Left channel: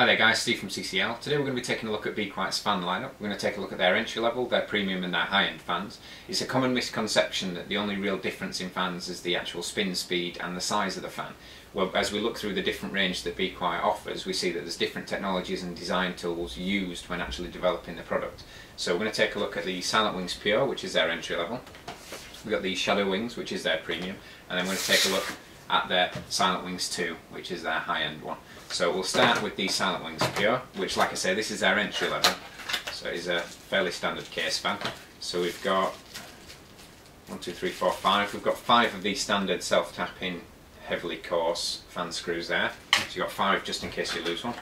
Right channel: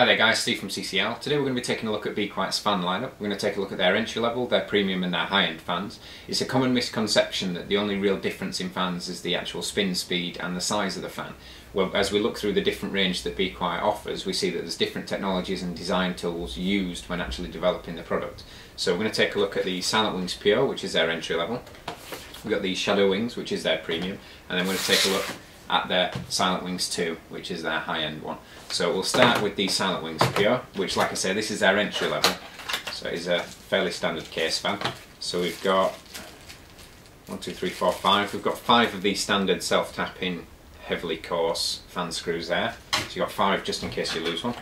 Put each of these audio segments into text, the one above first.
Hi there guys, Steve from CCL. Today we're going to be taking a look at Be Quiet's fan lineup. We're going to take a look at their entry level, their premium and their high-end fans. It's a common misconception that the only real difference in fans is the actual spin speed and the size of the fan. Well, as we look through the different range that Be Quiet offers, we see that there's different technologies and design tools used when actually developing the product. So we're going to take a look at the SilentWings Pure, which is their entry level. We've got the ShadowWings, which is their premium, and then we're going to take a look at their SilentWings 2, which is their high-end one. So we'll start with the SilentWings Pure, which, like I say, this is their entry level. So it is a fairly standard case fan. So we've got 1, 2, 3, 4, 5. We've got 5 of these standard self-tapping, heavily coarse fan screws there. So you've got 5 just in case you lose one.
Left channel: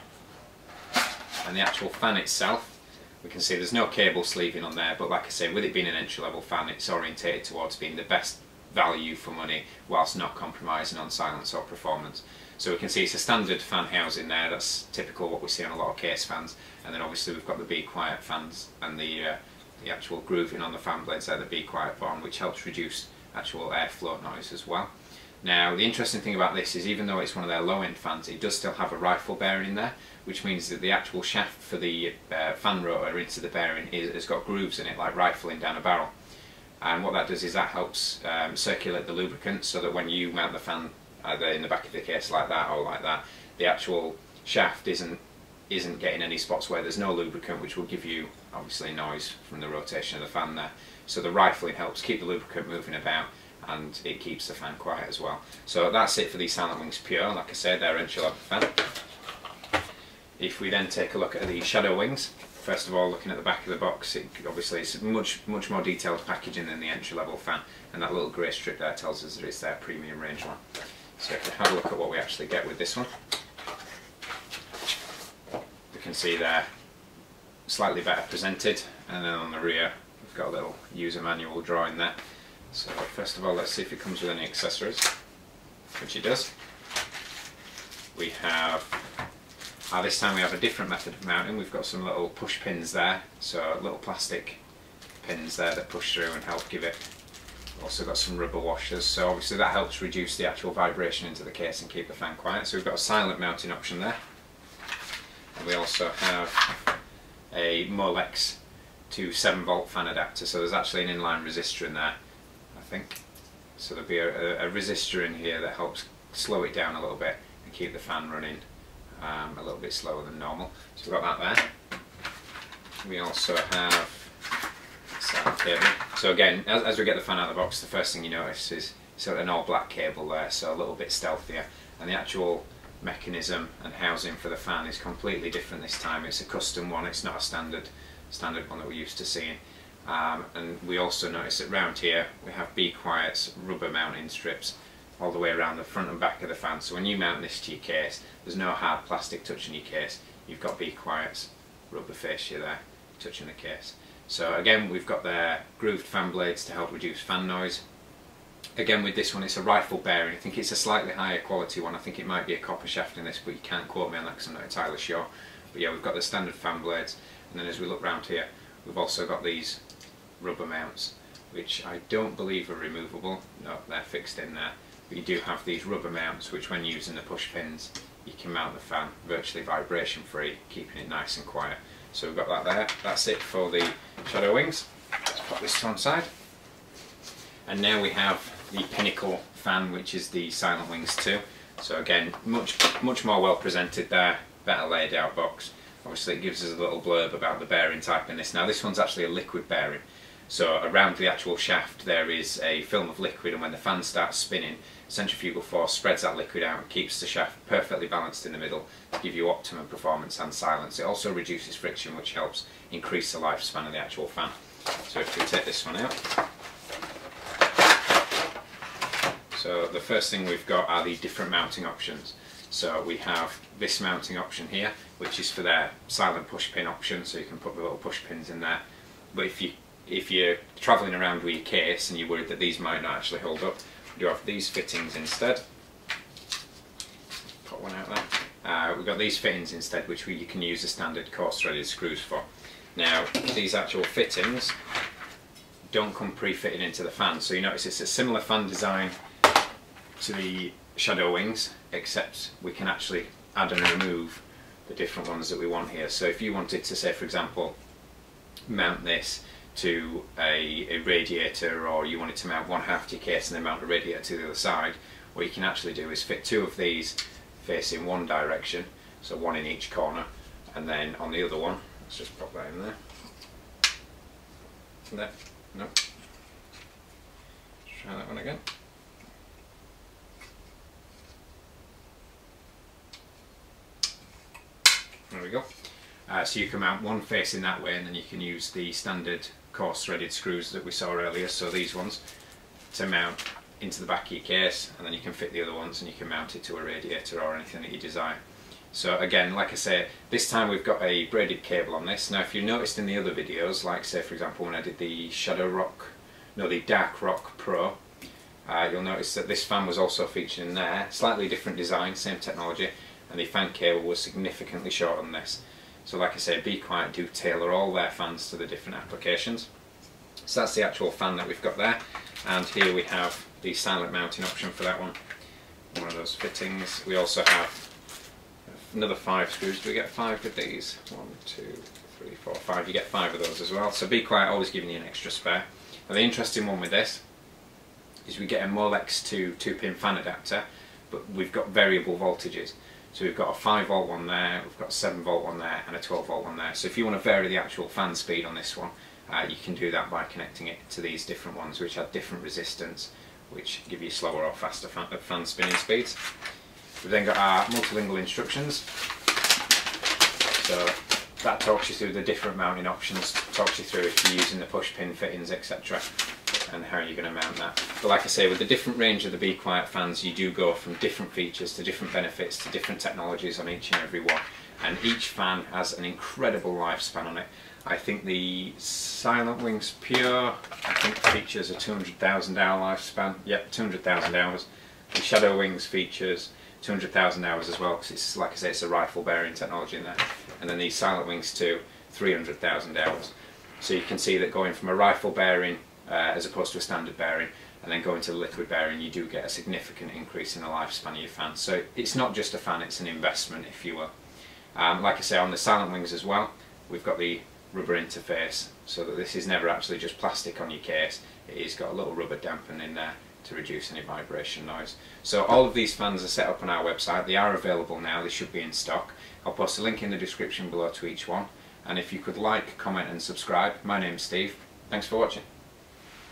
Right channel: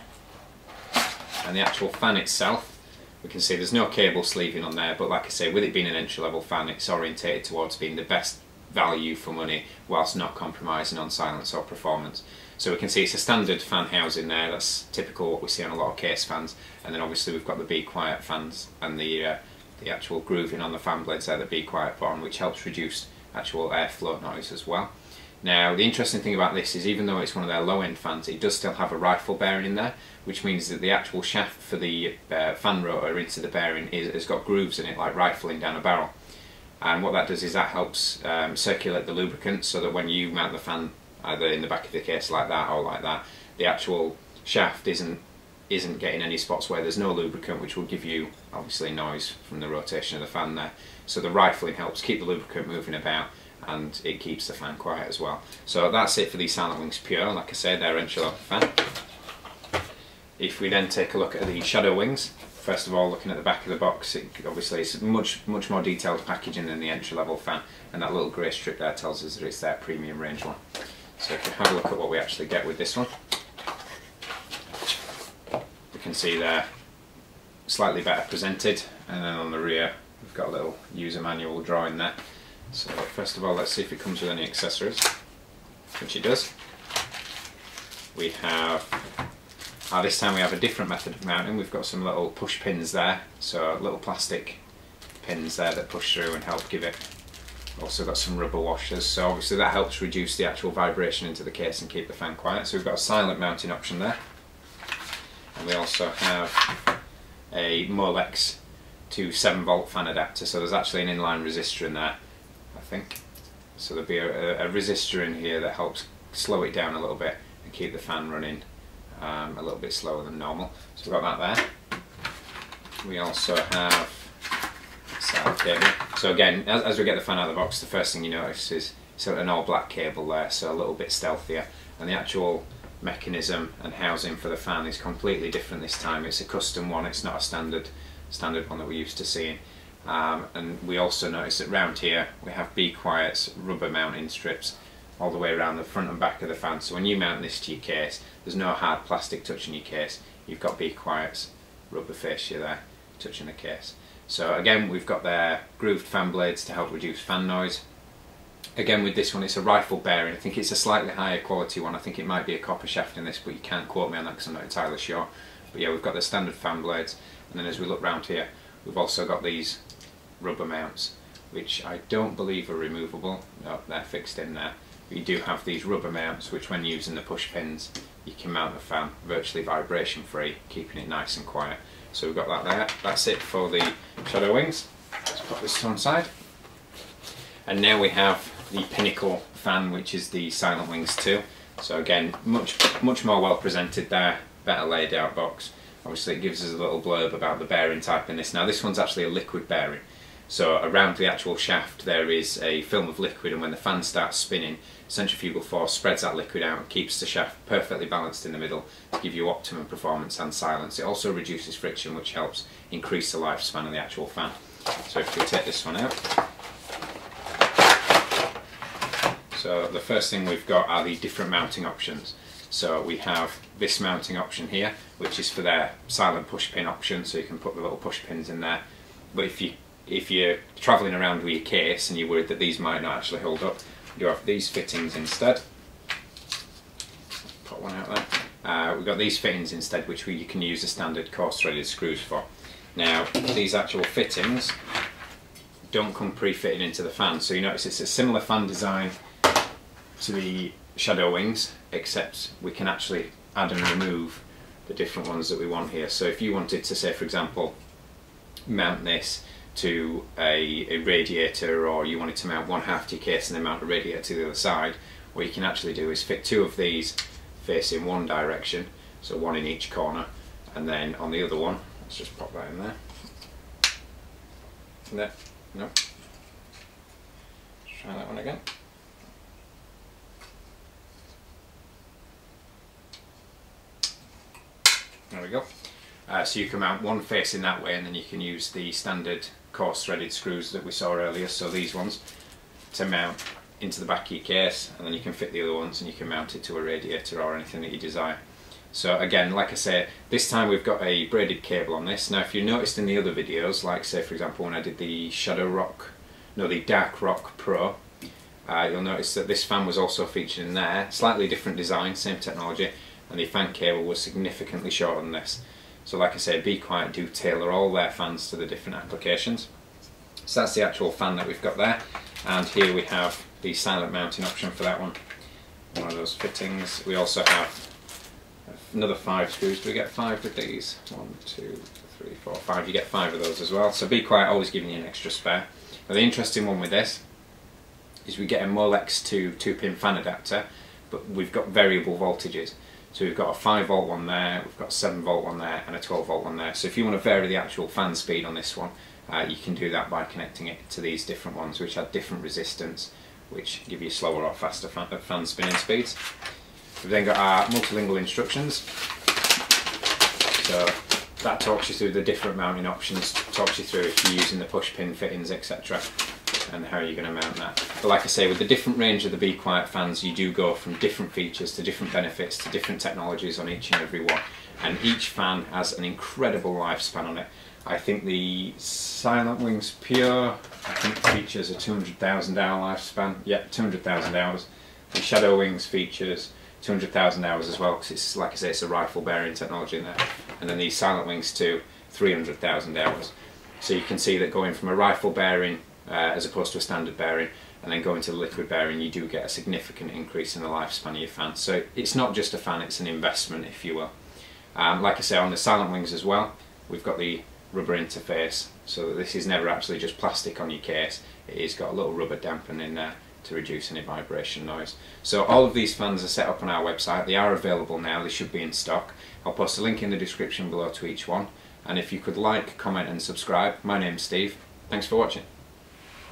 And the actual fan itself, we can see there's no cable sleeving on there, but like I say, with it being an entry level fan, it's orientated towards being the best value for money whilst not compromising on silence or performance. So we can see it's a standard fan housing there. That's typical what we see on a lot of case fans, and then obviously we've got the Be Quiet fans and the actual grooving on the fan blades there that Be Quiet put on, which helps reduce actual airflow noise as well. Now the interesting thing about this is, even though it's one of their low-end fans, it does still have a rifle bearing in there, which means that the actual shaft for the fan rotor into the bearing has got grooves in it, like rifling down a barrel. And what that does is that helps circulate the lubricant, so that when you mount the fan either in the back of the case like that or like that, the actual shaft isn't getting any spots where there's no lubricant, which will give you obviously noise from the rotation of the fan there. So the rifling helps keep the lubricant moving about, and it keeps the fan quiet as well. So that's it for the SilentWings Pure. Like I said, they're entry level fan. If we then take a look at the ShadowWings, first of all, looking at the back of the box, obviously it's much more detailed packaging than the entry level fan, and that little grey strip there tells us that it's their premium range one. So if you have a look at what we actually get with this one, we can see they're slightly better presented, and then on the rear we've got a little user manual drawing there. So first of all, let's see if it comes with any accessories, which it does. We have, this time we have a different method of mounting. We've got some little push pins there, so little plastic pins there that push through and help give it. Also got some rubber washers, so obviously that helps reduce the actual vibration into the case and keep the fan quiet. So we've got a silent mounting option there, and we also have a Molex to 7-volt fan adapter. So there's actually an inline resistor in there, I think. So there'll be a resistor in here that helps slow it down a little bit and keep the fan running a little bit slower than normal. So we've got that there. We also have a cable. So again, as we get the fan out of the box, the first thing you notice is an all black cable there, so a little bit stealthier, and the actual mechanism and housing for the fan is completely different this time. It's a custom one, it's not a standard one that we're used to seeing. And we also notice that round here we have Be Quiet's rubber mounting strips all the way around the front and back of the fan. So when you mount this to your case, there's no hard plastic touching your case. You've got Be Quiet's rubber fascia there touching the case. So again, we've got their grooved fan blades to help reduce fan noise. Again, with this one, it's a rifle bearing. I think it's a slightly higher quality one. I think it might be a copper shaft in this, but you can't quote me on that because I'm not entirely sure. But yeah, we've got the standard fan blades, and then as we look round here, we've also got these rubber mounts, which I don't believe are removable. No, they're fixed in there. But you do have these rubber mounts, which when using the push pins, you can mount the fan virtually vibration free, keeping it nice and quiet. So we've got that there. That's it for the ShadowWings. Let's put this to one side. And now we have the pinnacle fan, which is the SilentWings 2. So again, much more well presented there, better laid out box. Obviously it gives us a little blurb about the bearing type in this. Now this one's actually a liquid bearing. So around the actual shaft there is a film of liquid, and when the fan starts spinning, centrifugal force spreads that liquid out and keeps the shaft perfectly balanced in the middle to give you optimum performance and silence. It also reduces friction, which helps increase the lifespan of the actual fan. So if we take this one out, so the first thing we've got are the different mounting options. So we have this mounting option here, which is for their silent push pin option, so you can put the little push pins in there. But if you're travelling around with your case and you're worried that these might not actually hold up, you have these fittings instead. Put one out there. We've got these fittings instead, which you can use the standard coarse threaded screws for. Now these actual fittings don't come pre-fitted into the fan, so you notice it's a similar fan design to the ShadowWings, except we can actually add and remove the different ones that we want here. So if you wanted to, say for example, mount this to a radiator, or you wanted to mount one half to your case and then mount a radiator to the other side, what you can actually do is fit two of these facing one direction, so one in each corner, and then on the other one, let's just pop that in there. There, no. Let's try that one again. There we go. So you can mount one facing that way, and then you can use the standard coarse threaded screws that we saw earlier, so these ones, to mount into the back of your case, and then you can fit the other ones and you can mount it to a radiator or anything that you desire. So again, like I say, this time we've got a braided cable on this. Now if you noticed in the other videos, like say for example when I did the the Dark Rock Pro, you'll notice that this fan was also featured in there. Slightly different design, same technology, and the fan cable was significantly shorter than this. So like I say, Be Quiet do tailor all their fans to the different applications. So that's the actual fan that we've got there, and here we have the silent mounting option for that one of those fittings. We also have another 5 screws. Do we get 5 with these? 1, 2, 3, 4, 5. You get 5 of those as well. So Be Quiet always giving you an extra spare. Now the interesting one with this is we get a Molex to 2-pin fan adapter, but we've got variable voltages. So we've got a 5 volt one there, we've got a 7 volt one there, and a 12 volt one there. So if you want to vary the actual fan speed on this one, you can do that by connecting it to these different ones, which have different resistance, which give you slower or faster fan spinning speeds. We've then got our multilingual instructions. So that talks you through the different mounting options, talks you through if you're using the push pin fittings, etc., and how you're going to mount that. But like I say, with the different range of the Be Quiet fans, you do go from different features to different benefits to different technologies on each and every one, and each fan has an incredible lifespan on it. I think the SilentWings Pure, I think, features a 200,000 hour lifespan. Yep, 200,000 hours. The ShadowWings features 200,000 hours as well, because it's, like I say, it's a rifle bearing technology in there. And then the SilentWings 2, 300,000 hours. So you can see that going from a rifle bearing as opposed to a standard bearing, and then going to the liquid bearing, you do get a significant increase in the lifespan of your fan. So it's not just a fan, it's an investment, if you will. Like I say, on the SilentWings as well, we've got the rubber interface, so that this is never actually just plastic on your case. It has got a little rubber dampener in there to reduce any vibration noise. So all of these fans are set up on our website. They are available now, they should be in stock. I'll post a link in the description below to each one, and if you could like, comment and subscribe. My name's Steve. Thanks for watching.